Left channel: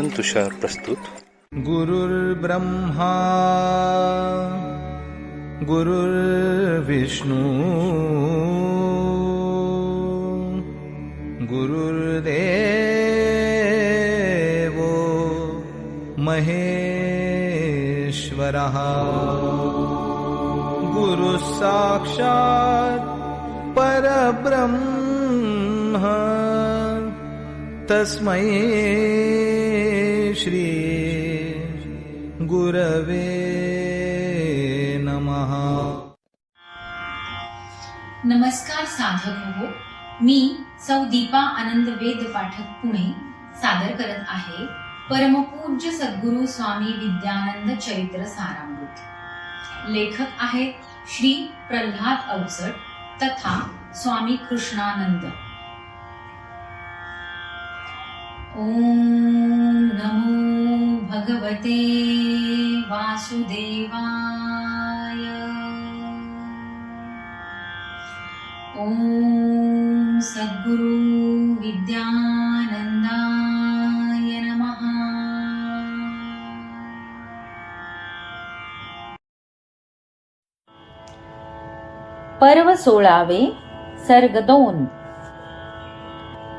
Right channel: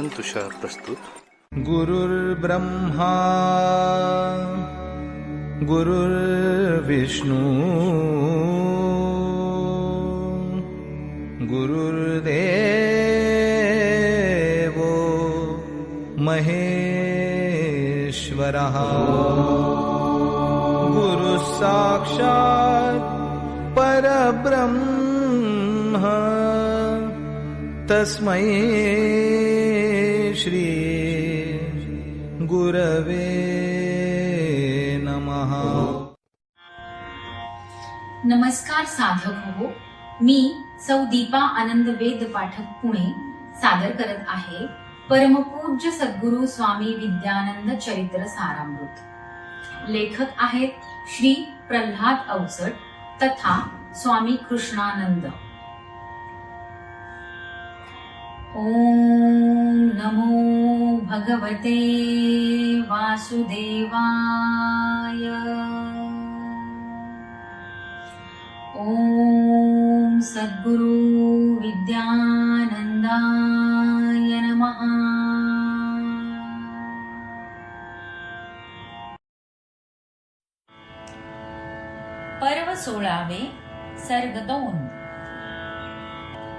तुषार प्रस्तुत गुरुर्ब्रह्मा गुरुर्विष्णू गुरुर्देवो महेश्वरः। गुरुः साक्षात् परब्रह्म तस्मै श्री गुरवे नमहा नमस्कार साधक हो मी सौ दीपा आनंद वेद पाठक पुणे सादर करत आहे परमपूज्य सद्गुरु स्वामी विद्यानंद चरित्र सारामृत. लेखक आहेत श्री प्रल्हाद अवचट तथा स्वामी कृष्णानंद. ओम नमो भगवते वासुदेवाय। ॐ सद्गुरु विद्यानन्दाय नमः। पर्व सोळावे सर्ग दोन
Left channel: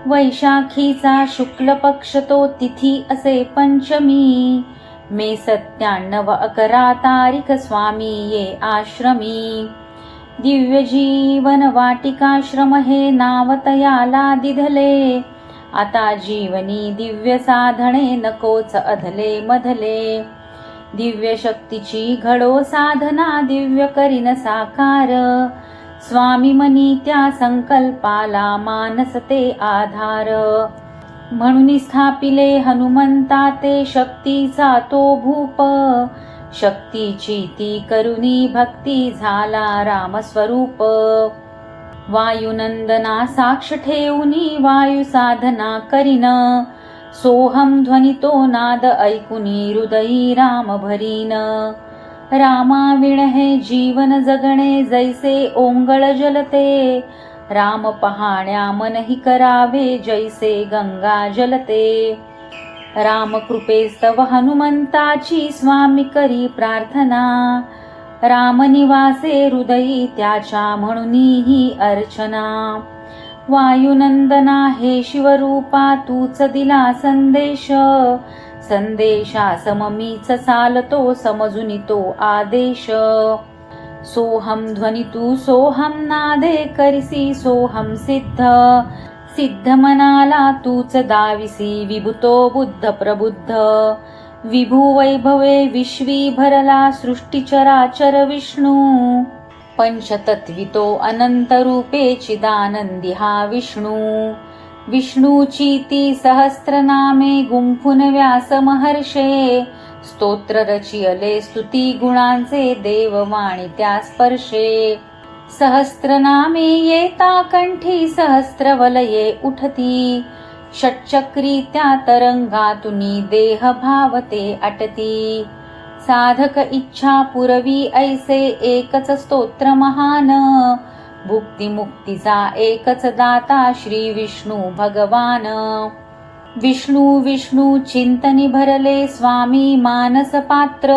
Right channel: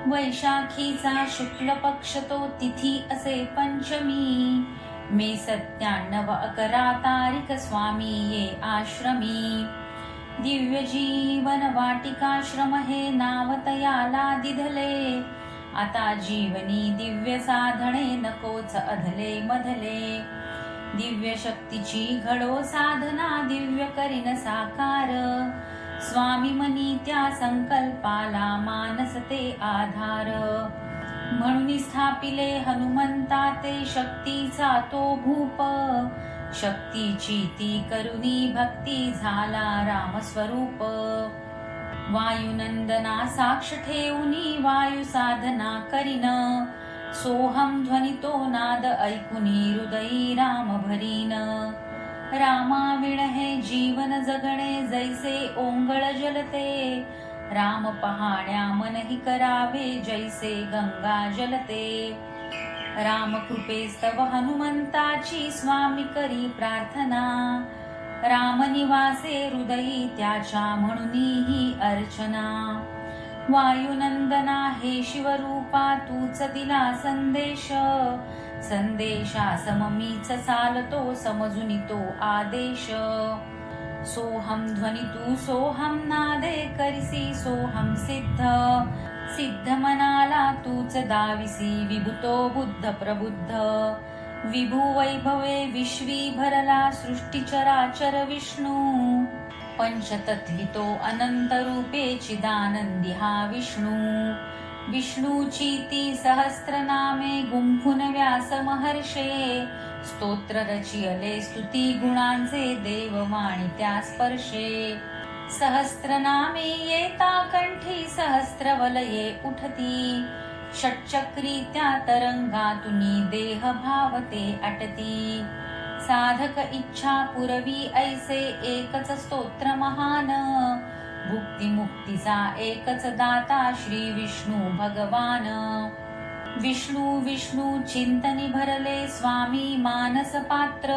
वैशाखीचा शुक्ल पक्ष तो तिथी असे पंचमी. मे सत्त्याण्णव अकरा तारीख स्वामी ये आश्रमी. दिव्य जीवन वाटिकाश्रम हे नाव तयाला दिधले. आता जीवनी दिव्य साधने नकोच अधले मधले. दिव्य शक्तीची घडो साधना दिव्य करीन साकार. स्वामी मनी त्या संकल्पाला मानसते आधार. म्हणून स्थापिले हनुमंता ते शक्तीचा तो भूप. शक्तीची ती करुणी भक्ती झाला रामस्वरूप. वायुनंदना साक्ष ठेवूनी वायू साधना करीन. सोहम ध्वनितो नाद ऐकुनी हृदयी राम भरीन. रामाविण हे जीवन जगणे जैसे ओंगळ जलते. राम पहाण्या मनही करावे जैसे गंगा जलते. रामकृपेस्तव हनुमंताची स्वामी करी प्रार्थना. रामनिवासे हृदयी त्याच्या म्हणूनही अर्चना. वायुनंदना हे शिवरूपा तूच दिला संदेश. संदेशा सममीच चालतो समजून तो आदेश. सोहम ध्वनी तू सोहम नादे करिसी सोहम सिद्ध. सिद्ध मनाला तूच दाविसी विभुतो बुद्ध प्रबुद्ध. विभू वैभवे विश्वी भरला सृष्टीचराचर विष्णू. पंचतत्वितो अनंत रूपे चिदानंदी हा विष्णू. विष्णूची ती सहस्रनामे गुंफून व्यास महर्षे. स्तोत्र रचियले स्तुती गुणांचे देववाणी त्या स्पर्शे. सहस्रनामे येता कंठी सहस्रवलये उठती. षटचक्री त्या तरंगातुनी देह भावते अटती. साधक इच्छा पुरवी ऐसे एकच स्तोत्र महान. भुक्तिमुक्तीचा एकच दाता श्री विष्णू भगवान. विष्णू विष्णू चिंतनी भरले स्वामी मानस पात्र.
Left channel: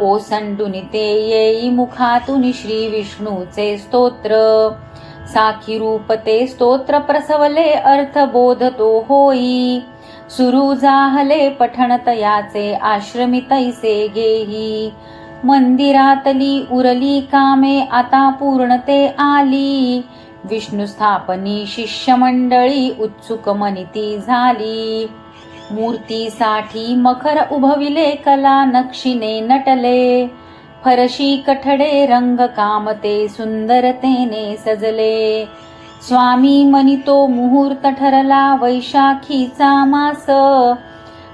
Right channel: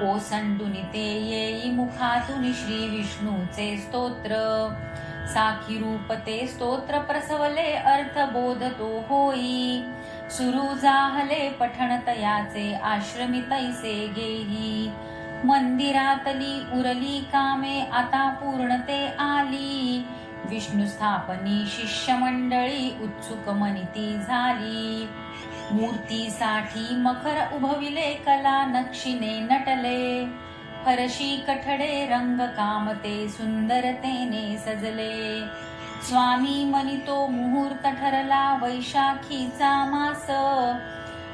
ओसंडून ते येई मुखातून श्री विष्णूचे स्तोत्र. साखी रूप ते स्तोत्र प्रसवले अर्थ बोध तो होई. सुरू जाहले पठण तयाचे गेही. मंदिरातली उरली कामे आता पूर्णते आली. विष्णू स्थापनी शिष्यमंडळी उत्सुक मनिती झाली. मूर्तीसाठी मखर उभविले कला नक्षीने नटले. फरशी कठडे रंग कामते सुंदरतेने सजले. स्वामी मनितो मुहूर्त ठरला वैशाखीचा मास.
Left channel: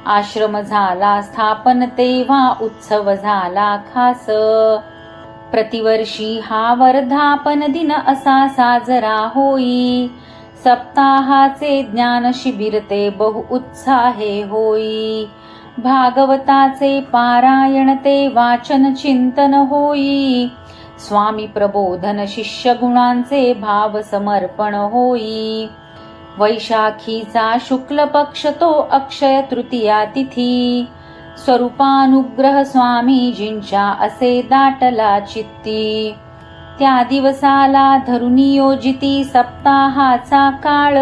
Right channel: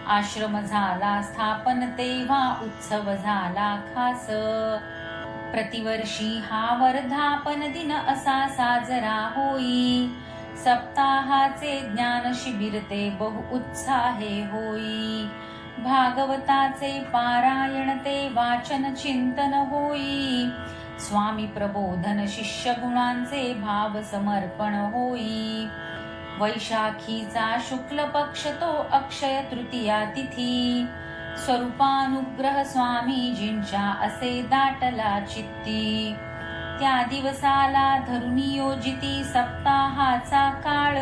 आश्रम झाला स्थापन तेव्हा उत्सव झाला खास. प्रतिवर्षी हा वर्धापन दिन असा साजरा होई. सप्ताहाचे ज्ञान शिबिर ते बहु उत्साहे होई. भागवताचे पारायण ते वाचन चिंतन होई. स्वामी प्रबोधन शिष्य गुणांचे भाव समर्पण होई. वैशाखीचा शुक्ल पक्ष तो अक्षय तृतीया तिथी. स्वरूपानुग्रह स्वामीजींच्या असे दाटला चित्ती. त्या दिवसाला धरुनियोजिती सप्ताहाचा काळ.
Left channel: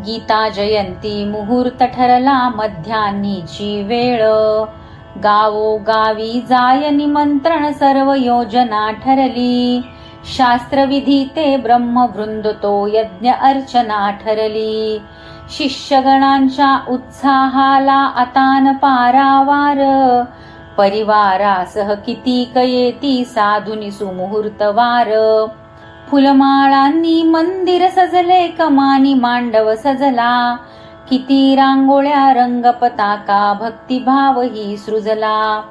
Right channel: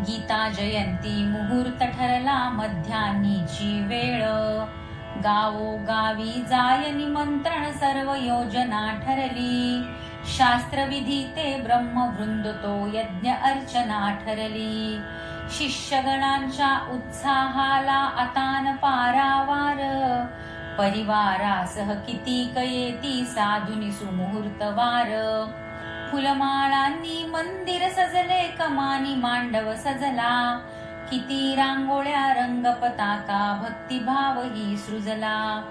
गीता जयंती मुहूर्त ठरला मध्यान्नीची वेळ. गावो गावी जाय निमंत्रण सर्व योजना ठरली. शास्त्रविधी ते ब्रह्मवृंदतो यज्ञ अर्चना ठरली। शिष्यगणांच्या उत्साहाला अतान पारावार। परिवारासह कितीक येती साधुनी सुमुहूर्तवार फुलमाळांनी मंदिर सजले कमानी मांडव सजला। किती रांगोळ्या रंगपताका भक्तिभाव ही सृजला।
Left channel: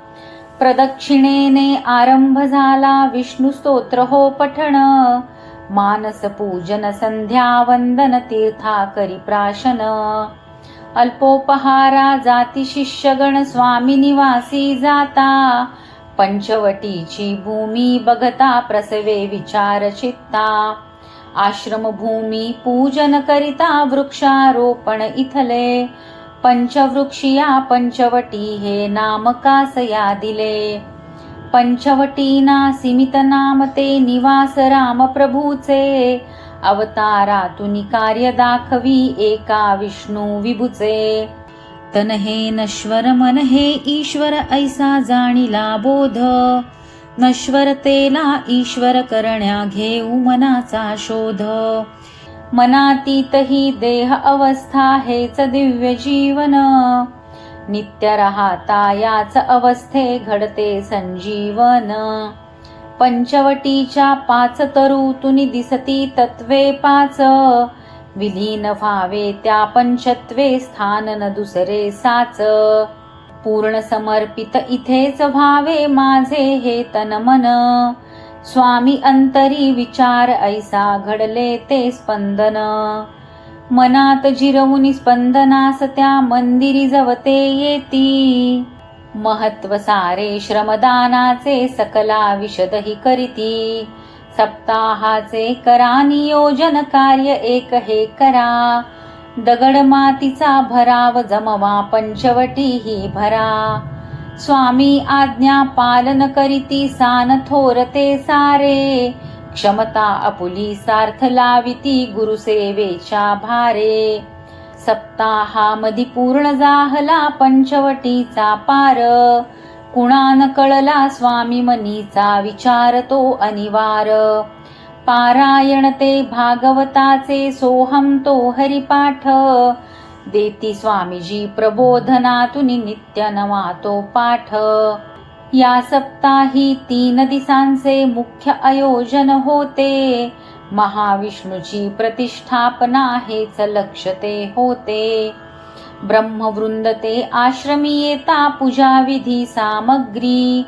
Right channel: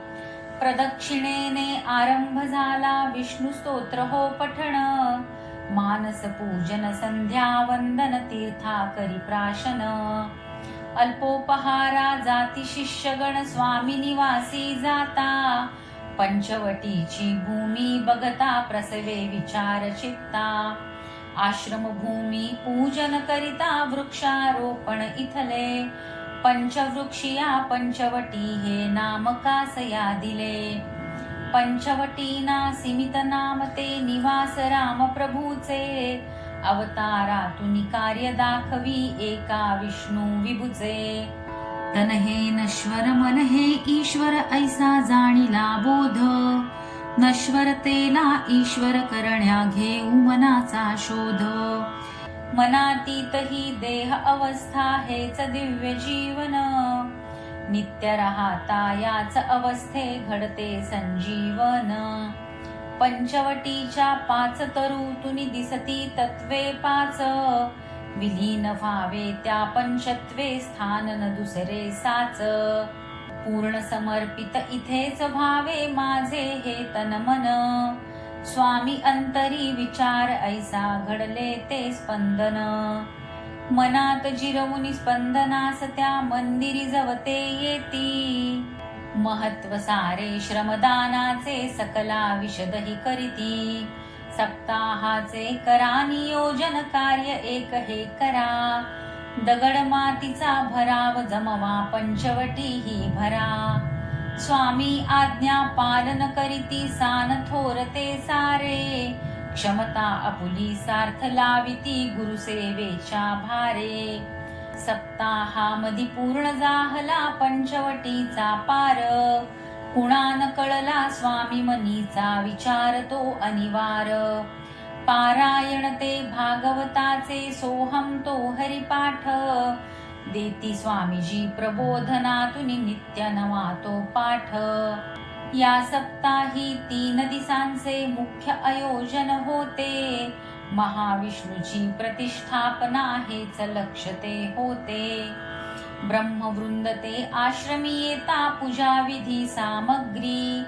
प्रदक्षिणेने आरंभ झाला. विष्णू स्तोत्र हो पठण. मानस पूजन संध्या वंदन तीर्था करी प्राशन. अल्पोपहारा जाती शिष्यगण स्वामी निवासी जाता. पंचवटीची भूमी बघता प्रसवे विचार चित्ता. आश्रमभूमी पूजन करिता वृक्षारोपण इथले. पंचवृक्षिया पंचवटी हे नाम कासया दिले. पंचवटीना सीमित नाम ते निवास राम प्रभूचे. अवतारातून कार्य दाखवी एका विष्णू विभुचे. तन हे नश्वर मन हे ईश्वर ऐसा जाणीला बोध. नश्वरतेला ईश्वर करण्या घेऊ मनाचा शोध. मनातीत ही देह अवस्था हेच दिव्य जीवन. नित्य राहता याच अवस्थे घडते संजीवन. पंचवटीच्या पाच तरुतुनी दिसती तत्वे पाच. विलीन व्हावे त्या पंचत्वे स्थान न दुसरे साच. पूर्ण समर्पित इथेच व्हावे माझे हे तन मन. स्वामी अंतरी विचार ऐसा घडले ते स्पंदन. मनात जिरवून स्पंदनास त्या मंदिरी जवते येती. महत्त्व सारे श्रमदानाचे सकला विशदही करीती. सप्ताहाचे करा नियोजन कार्य एक हे करा. दगड मातीचा भराव जमवा पंचवटी ही भरा. स्वामी आज्ञा पालन करीती सान थोरते सारे. क्षमता अपुली सार्थ लाविती गुरुसेवेच्या भारे. सप्ताहामधी पूर्ण जाहला पंचवटीचा पार. कुणान कळला स्वामी मनीचा विचार तो अनिवार. पारायण ते भागवताचे सोहम तो हरिपाठ. देती स्वामीजी प्रबोधनातून नित्य नवा तो पाठ. या सप्ताही तीन दिसांचे मुख्य आयोजन होते. महाविष्णूची प्रतिष्ठापना हेच लक्ष ते होते. ब्रह्मवृंद ते आश्रमी येता पूजा विधी सामग्री.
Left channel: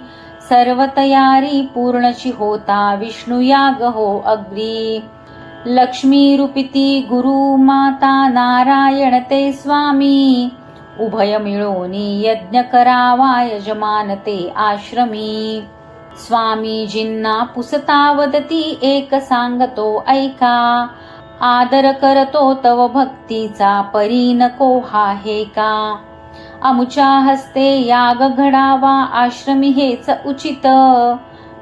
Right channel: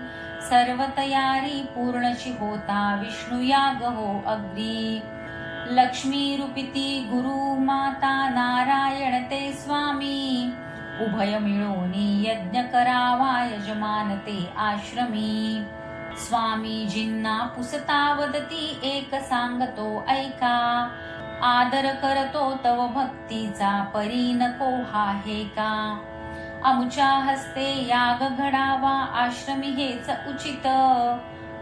सर्व तयारी पूर्णची होता विष्णू याग हो अग्री. लक्ष्मी रूपिती गुरु माता नारायण ते स्वामी उभय मिळोनी यज्ञ करावा यजमान ते आश्रमी. स्वामीजींना पुसता वदती एक सांगतो ऐका आदर करतो तव भक्तीचा परी नको हा हे का? अमुच्या हस्ते याग घडावा आश्रमी हेच उचित.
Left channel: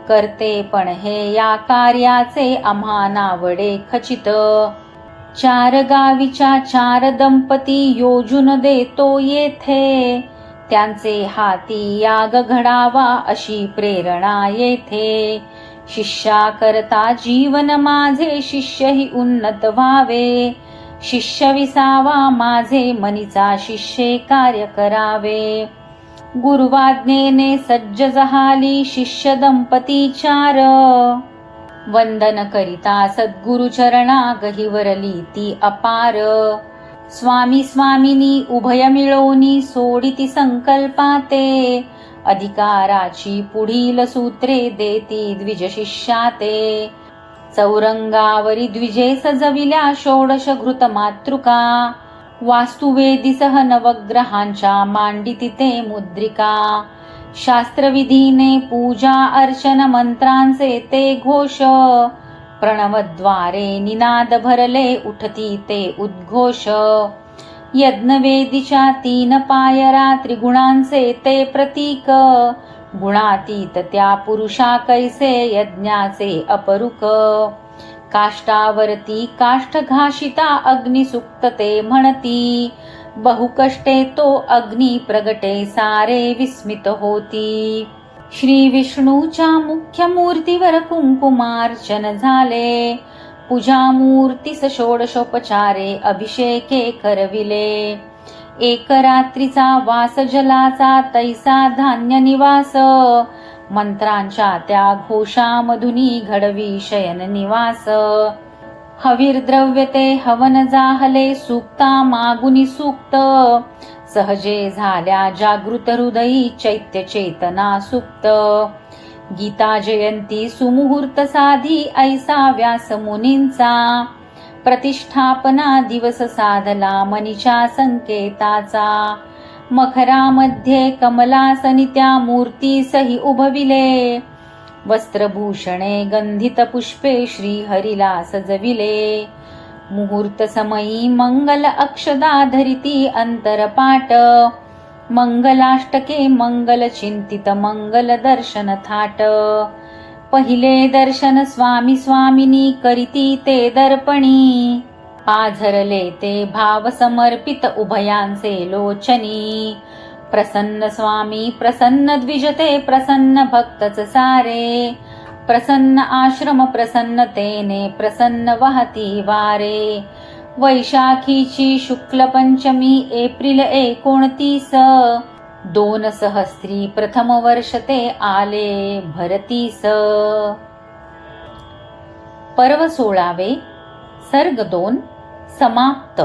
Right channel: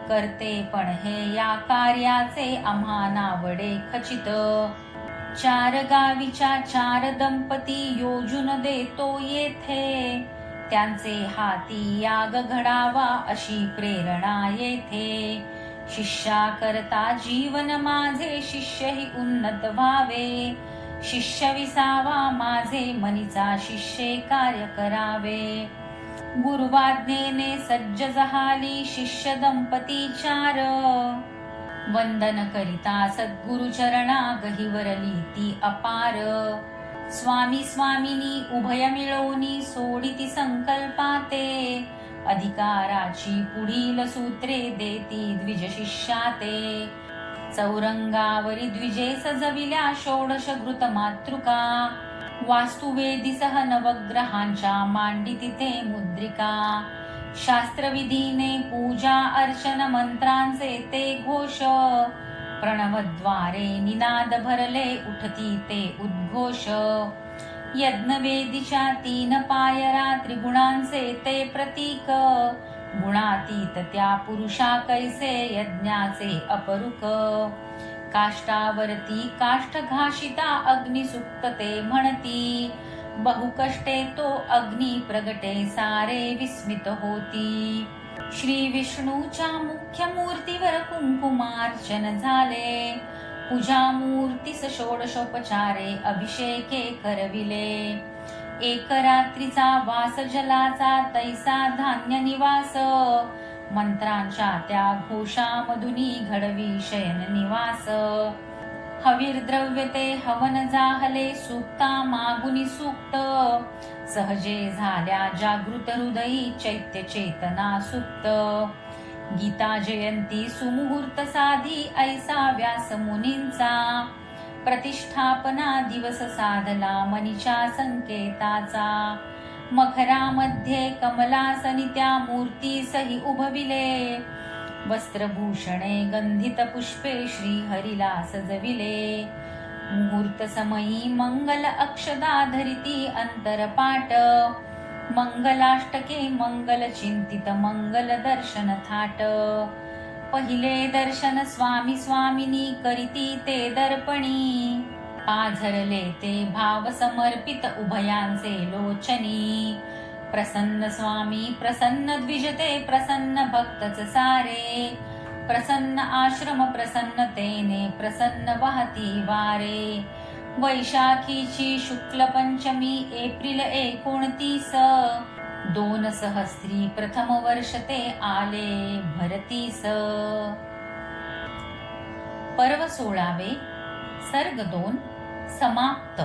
करते पण हे या कार्याचे आम्हा नावडे खचित. चार गावीच्या चार दंपती योजून देतो येथे. त्यांचे हाती याग घडावा अशी प्रेरणा येथे. शिष्या करता जीवन माझे शिष्यही उन्नत व्हावे. शिष्य विसावा माझे मनीचा शिष्ये कार्य करावे. गुरुवाज्ञेने सज्ज जहाली शिष्य दंपती चार. वंदन करिता सद्गुरु चरणा गहिवरली ती अपार. स्वामी स्वामिनी उभय मिळवणी सोडिती संकल्पाते. अधिकाराची पुढील सूत्रे देती द्विज शिष्याते. चौरंगावरी द्विजे सजविल्या षोडश घृत मातृका. वास्तुवेदिसह नवग्रहांच्या मांडी तिथे मुद्रिका। शास्त्रविधीने पूजा अर्चन मंत्रांचे ते घोष। प्रणवद्वारे निनाद भरले उठती ते उद्घोष। यज्ञवेदीच्या तीन पायरा त्रिगुणांचे ते प्रतीक। गुणातीत त्या पुरुषा कैसे यज्ञाचे अपरुक। काष्टावरती काष्ठघाषिता अग्निसुक्तते म्हणती. बहुकष्टे तो अग्नी प्रगटे सारे विस्मित होती. श्री विष्णूच्या मुख्य मूर्तीवर कुंकुमार्चन झाले. पूजा मूर्तीस षोडशोपचारे अभिषेके करविले. एक रात्रीचा वास जलाचा तैसा धान्य निवास मंत्रांच्या त्या घोषामधुनी घडवी शयन निवास. हवीर द्रव्य ते हवन जाहले सुक्ता मागुनी सुक्त. सहजे झाल्या जागृत हृदयी चैत्य चेतना सुप्त. गीता जयंती सुमुहूर्त साधी ऐसा व्यास मुनींचा. प्रतिष्ठापना दिवस साधला मनीच्या संकेताचा. मखरामध्ये कमलासनी त्या मूर्तीसही उभविले. वस्त्रभूषणे गंधित पुष्पे श्री हरिला सजविले मुहूर्त समयी मंगल अक्षदा धरिती अंतरपाट. मंगलाष्टके मंगल चिंतित मंगल दर्शन थाट. पहिले दर्शन स्वामी स्वामिनी करीती ते दर्पणी. पाझरले ते भाव समर्पित उभयांचे लोचनी. प्रसन्न स्वामी प्रसन्न द्विजते प्रसन्न भक्तच सारे. प्रसन्न आश्रम प्रसन्नतेने प्रसन्न वाहती वारे. वैशाखीची शुक्ल पंचमी एप्रिल एकोणतीस. दोन सहस्त्री प्रथम वर्ष ते आले भरतीस. पर्व सोळावे सर्ग दोन. समाप्त.